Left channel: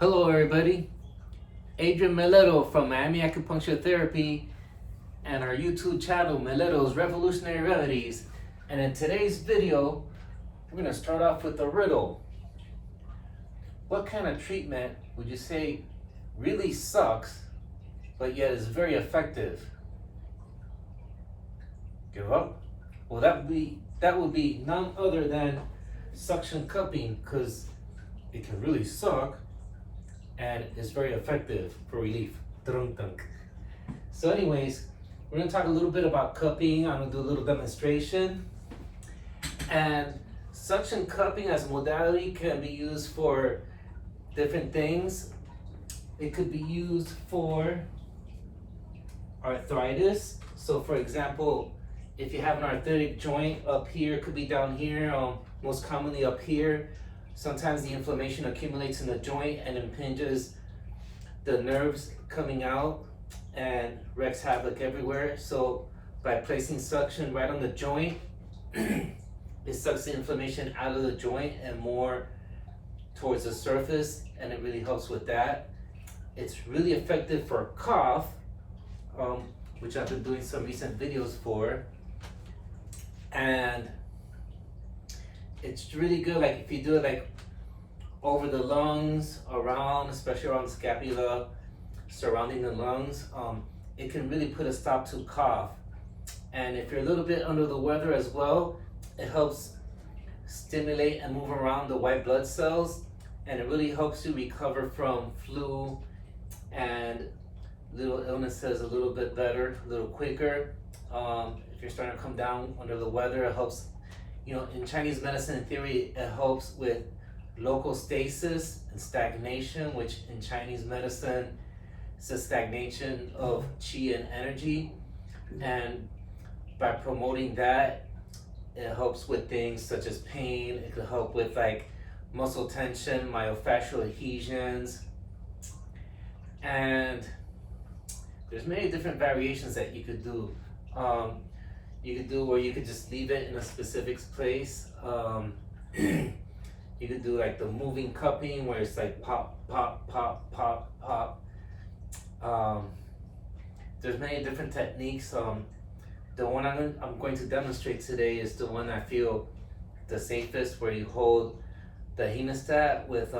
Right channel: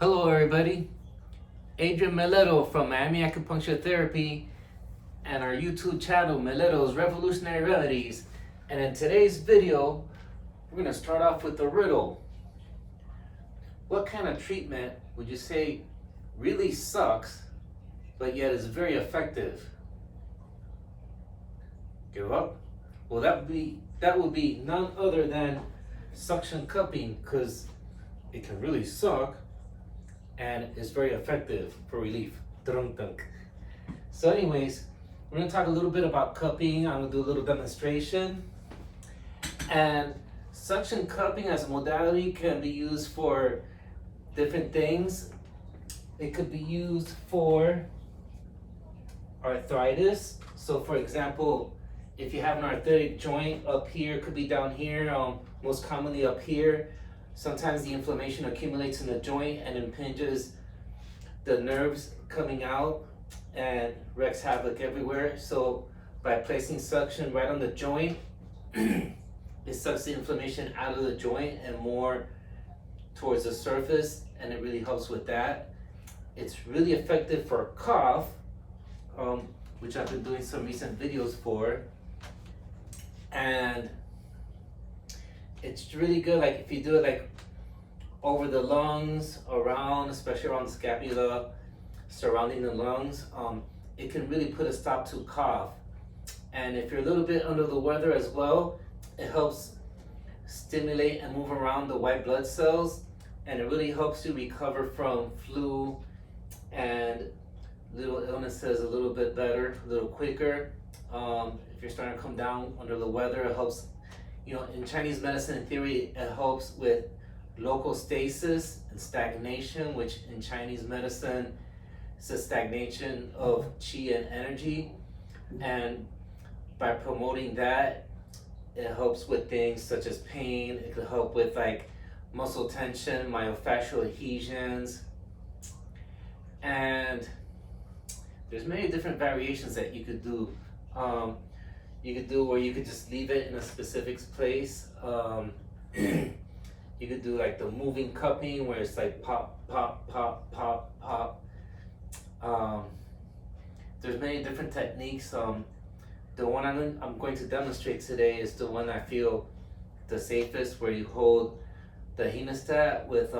Hello everybody, Adrian Meleto from Miami Acupuncture Therapy and our YouTube channel Meleto's Revolutionary Remedies. And in today's video, we're going to start off with a riddle. What kind of treatment would you say really sucks, but yet is very effective? Give up? Well, that would be none other than suction cupping, because it can really suck and is very effective for relief. So anyways, we're gonna talk a little bit about cupping. I'm gonna do a little demonstration. And suction cupping as a modality can be used for different things. It could be used for arthritis. So for example, if you have an arthritic joint up here, it could be down here, most commonly up here. Sometimes the inflammation accumulates in the joint and impinges the nerves coming out and wreaks havoc everywhere. So by placing suction right on the joint, it sucks the inflammation out of the joint and more towards the surface, and it really helps with that. It's really effective for cough, which I've been doing some recent videos for. And it's really good, like if you do it like over the lungs, around, especially around the scapula, surrounding the lungs, it can really put a stop to cough. And if you're a little bit under the weather as well, it helps stimulate and move around the white blood cells, and it really helps you recover from flu and little illnesses a little bit better, a little quicker. If you're starting to come down under the weather, it helps. You know, in Chinese medicine, in theory, it helps with local stasis and stagnation, which in Chinese medicine is a stagnation of qi and energy. And by promoting that, it helps with things such as pain. It could help with like muscle tension, myofascial adhesions. And there's many different variations that you could do. You could do where you could just leave it in a specific place. You could do like the moving cupping where it's like pop, pop, pop, pop, pop. There's many different techniques. The one I'm going to demonstrate today is the one I feel the safest, where you hold the hemostat with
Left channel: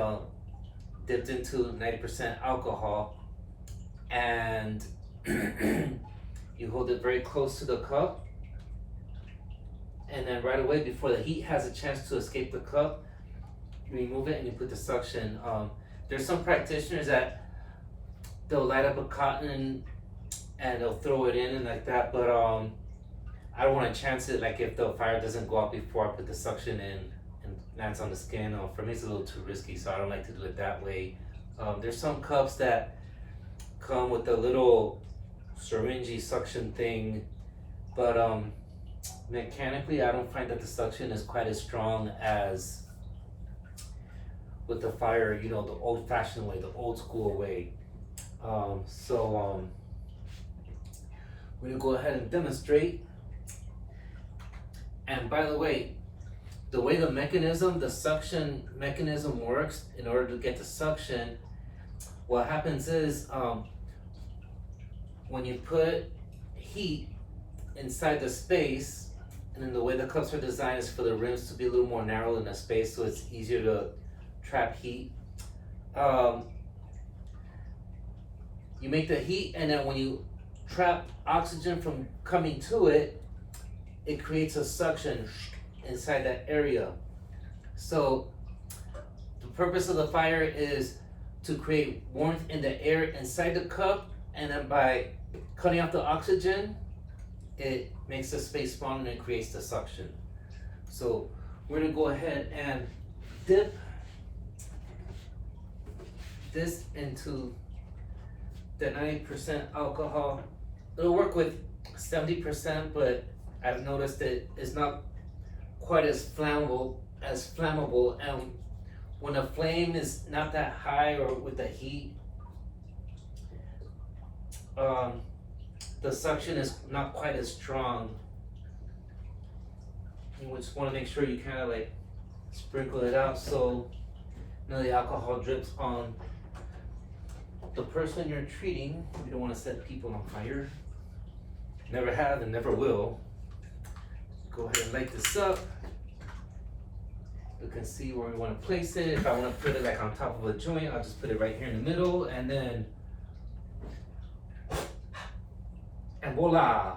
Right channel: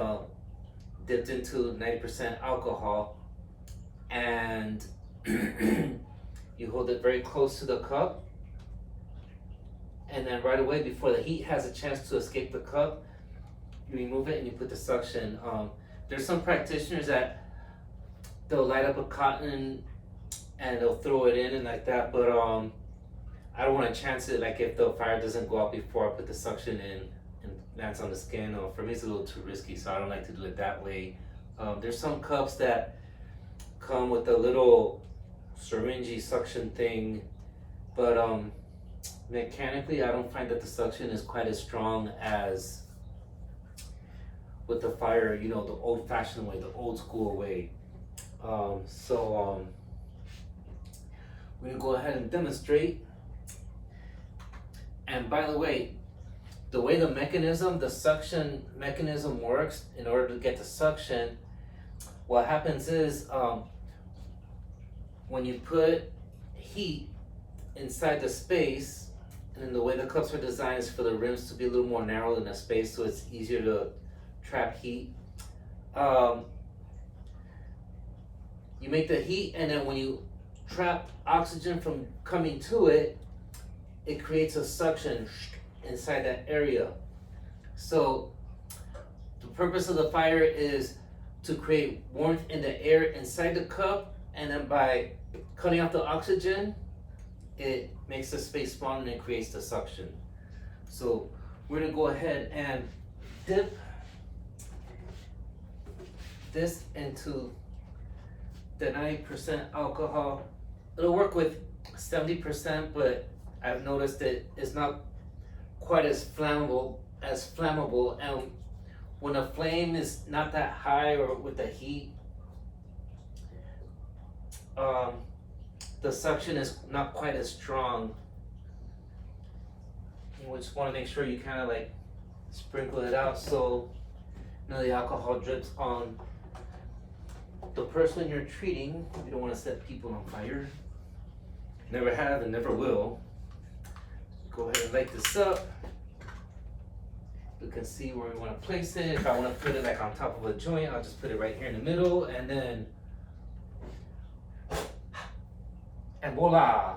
dipped into 90% alcohol, and you hold it very close to the cup. And then right away, before the heat has a chance to escape the cup, you remove it and you put the suction. There's some practitioners that they'll light up a cotton and they'll throw it in and like that, but I don't want to chance it, like if the fire doesn't go out before I put the suction in and lands on the skin. For me, it's a little too risky, so I don't like to do it that way. There's some cups that come with a little syringe suction thing, but mechanically, I don't find that the suction is quite as strong as with the fire, you know, the old-fashioned way, the old-school way. We're gonna go ahead and demonstrate. And by the way the mechanism, the suction mechanism works, in order to get the suction, what happens is when you put heat inside the space, and then the way the cups are designed is for the rims to be a little more narrow than the space, so it's easier to trap heat. You make the heat, and then when you trap oxygen from coming to it, it creates a suction inside that area. So the purpose of the fire is to create warmth in the air inside the cup, and then by cutting off the oxygen, it makes the space smaller and it creates the suction. So we're gonna go ahead and dip this into the 90% alcohol. It'll work with 70%, but I've noticed that it's not quite as flammable. And when a flame is not that high, or with the heat, the suction is not quite as strong. You just want to make sure you kind of like sprinkle it out so none of the alcohol drips on the person you're treating, you don't want to set people on fire. Never have and never will. Go ahead and light this up. We can see where we want to place it. If I want to put it like on top of a joint, I'll just put it right here in the middle, and then, and voila!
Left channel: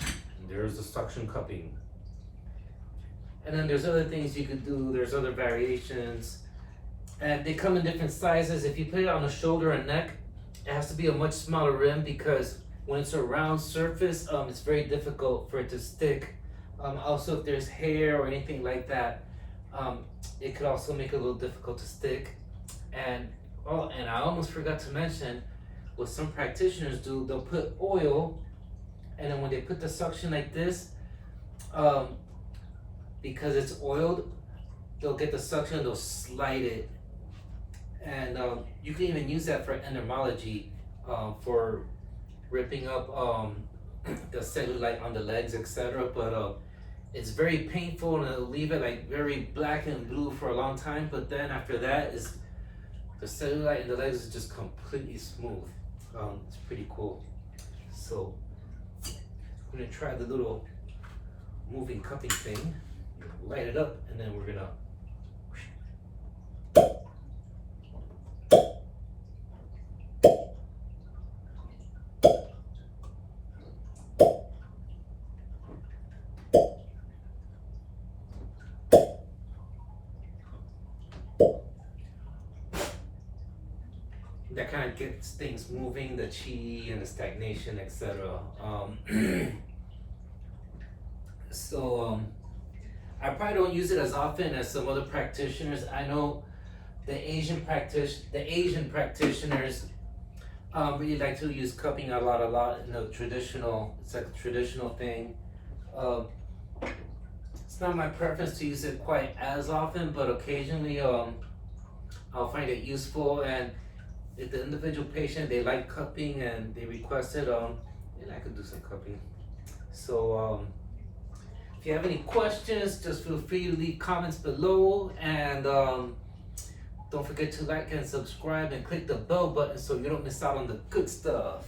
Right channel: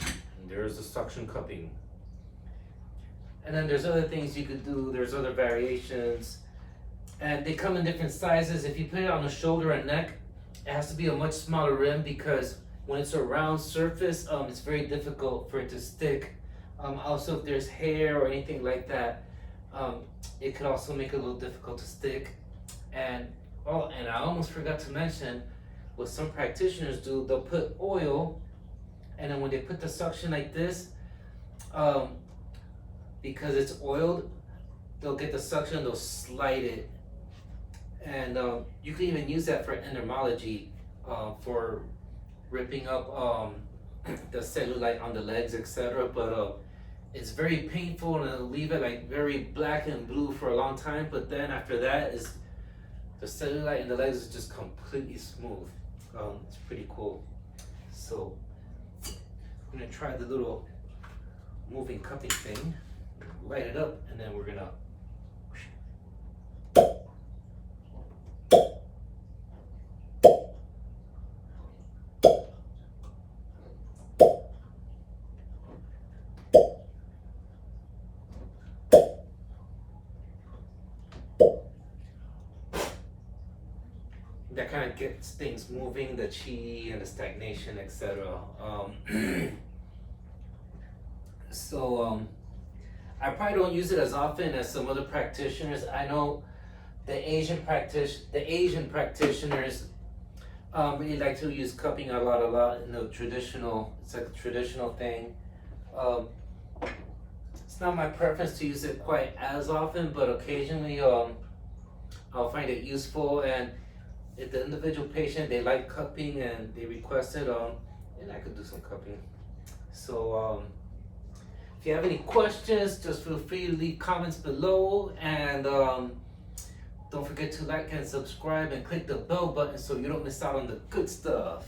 And there's the suction cupping. And then there's other things you could do. There's other variations, and they come in different sizes. If you put it on the shoulder and neck, it has to be a much smaller rim because when it's a round surface, it's very difficult for it to stick. Also, if there's hair or anything like that, it could also make it a little difficult to stick. And I almost forgot to mention, what some practitioners do, they'll put oil, and then when they put the suction like this, because it's oiled, they'll get the suction, they'll slide it. And you can even use that for endermology, for ripping up the cellulite on the legs, etc. But it's very painful, and it'll leave it like very black and blue for a long time. But then after that, is the cellulite in the legs is just completely smooth. It's pretty cool. So I'm gonna try the little moving cupping thing. Light it up, and then we're gonna. That kind of gets things moving, the chi and the stagnation, etc. I probably don't use it as often as some other practitioners. I know the Asian practitioners really like to use cupping a lot in the traditional. It's like a traditional thing. It's not my preference to use it quite as often, but occasionally I'll find it useful. And if the individual patient, they like cupping and they request it, and I could do some cupping. So if you have any questions, just feel free to leave comments below, and don't forget to like and subscribe and click the bell button so you don't miss out on the good stuff.